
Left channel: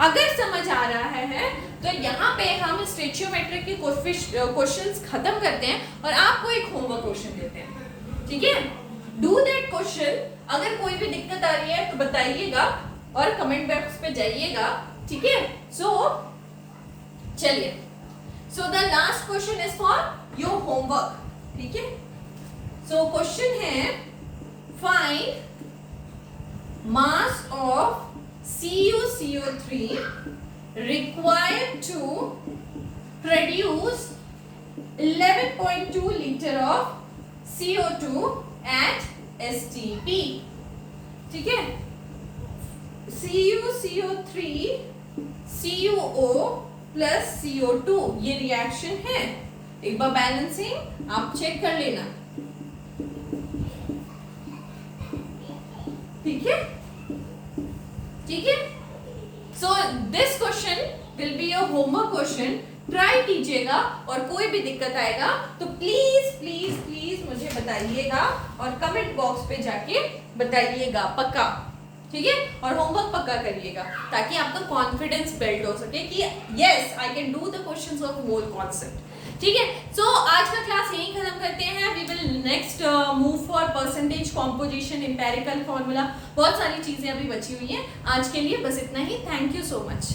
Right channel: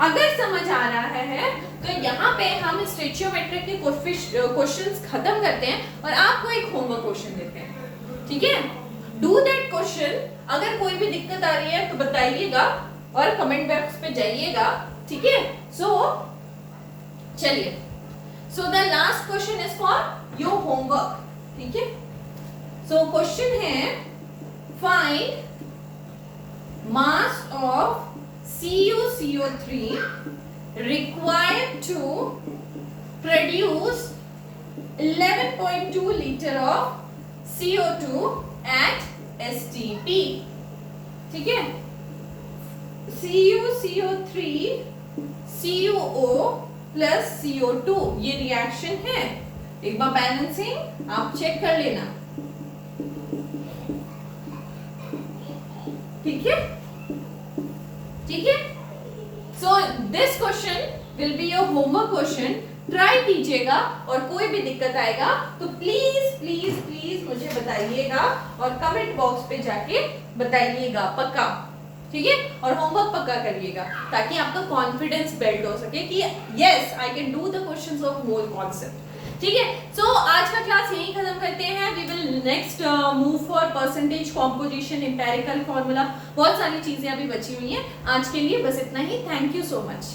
अगर समझ आ रहा है तो यहाँ पे हम स्टोइचियोमेट्री के क्वेश्चंस खत्म करते हैं और आपको एक होमवर्क क्वेश्चन देते हैं। ठीक है? Do that question. अगर कोई भी दिक्कत आ रही है तो बताइएगा और कमेंट बॉक्स पे जाइएगा। ठीक है? सो चलिए, so the last question is for your homework. ठीक है? सो क्वेश्चन है find mass of CuCO3 required to produce 11.2 liter of CO2 at STP। ठीक है? CuCO3 CuO प्लस CO2 ये रिएक्शन है। एक बार बैलेंसिंग आप चेक कर लेना। ठीक है? ठीक है? So this question will be your homework question. Try कीजिएगा और कोई भी दिक्कत आएगा तो प्लीज प्लीज प्लीज मुझे बताइएगा और कमेंट बॉक्स पे जाके बताइएगा पक्का। ठीक है? और होमवर्क पक्का करिएगा ताकि आपका कॉन्फिडेंस बिल्ड हो सके कि yes I can do the questions of mole concept. ठीक है? सो आज का क्लास यही खत्म करते हैं। We will next move for percentage composition, empirical formula, बहुत सारी चीजें अभी बची हुई हैं। आज के लिए बस इतना ही। Thank you so much.